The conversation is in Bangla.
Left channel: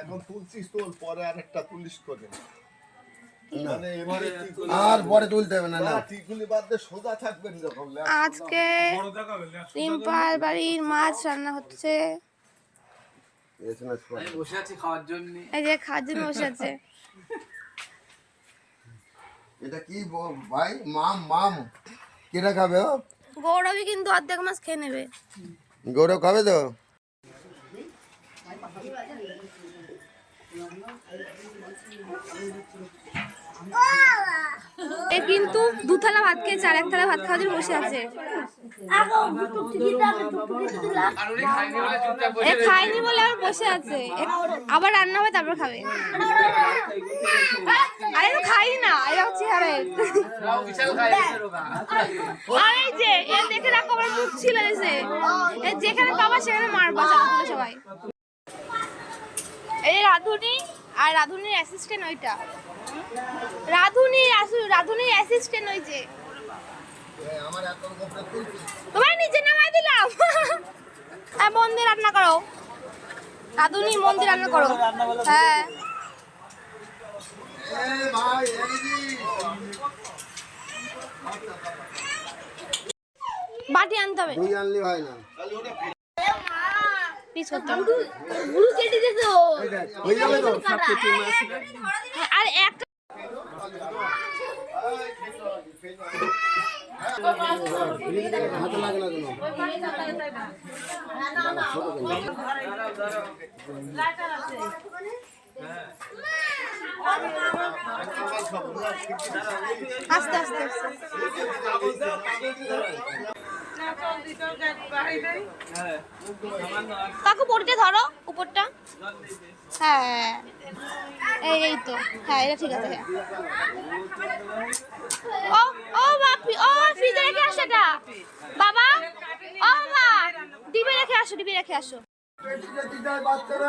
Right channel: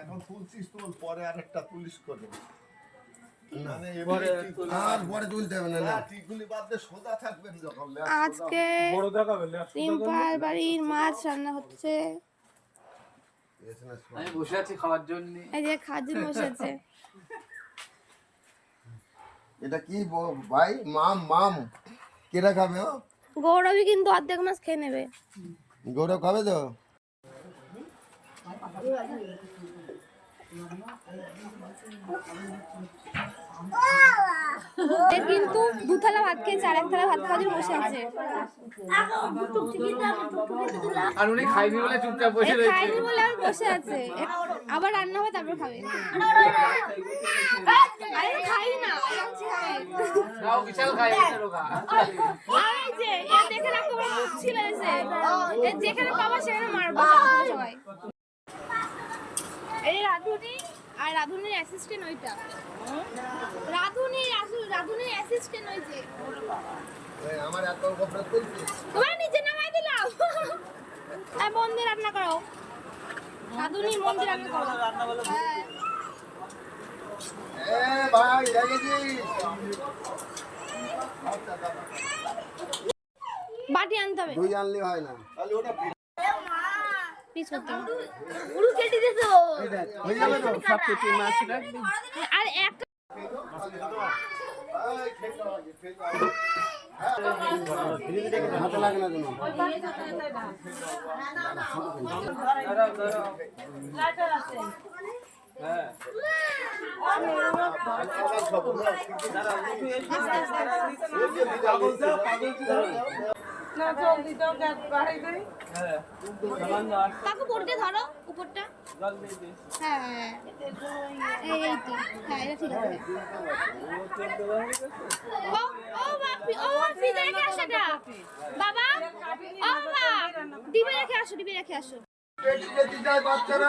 এখন তুলছিস তোর পরে করে। মানে আর পরে তুলতে হবে না সোজা থাকবেন যখন আজকে রিম্পার বাড়ির মাছ রান্না হচ্ছে। বসে আছি খাওয়ার জন্য। এই যে খাজিন বসেছে এটা কি ভাই? মাম মাম কেটা খাবে ও? গৌরবই কিন্তু অর্ধেক মাছ খেয়ে নেবে। গৌরব খাবে তো? কিন্তু দু থালা ভাত খেয়েছে আর এক থালা ভাত খাওয়ার জন্য বসে আছে। এ খায়নি বলে আর বসে আছে। আবার রান্না হবে তারপর খাবে। আরে তো খাই না এরকম চেহারে আর যে দেখে রাখো মুখ ছিল এসে যেখানে পাবা সেখানে মারবা সবাই। এই রাধুনি আর রাধুনির অ্যাসিস্ট্যান্ট ওইটা। রাধুনি রাধুনির অ্যাসিস্ট্যান্ট ওই যে। আমার তোমার নিচে নামাই দিলাম। হ্যাঁ মন দিয়ে রান্না করো। রাধুনি মন দিয়ে রান্না করো। হ্যাঁ। এ ভাই দেখেছিস বাটি আনতে হবে। দুই আনলি হয় না। পিস করতে হবে। দেখ হয়ে তো আর এক লাগে না কোনো আস্তে আস্তে। কাকু বড়িটা ধরো, উপরটা। হ্যাঁ এই এই তো। হ্যাঁ এটা ঠিক আছে হ্যাঁ। ও ও বাপি ও ফ্রিজে রেখে আসো এটা। বাবা, ও, মা ডিবে রেখে আসো ডিবে রেখে আসো। বাচ্চারা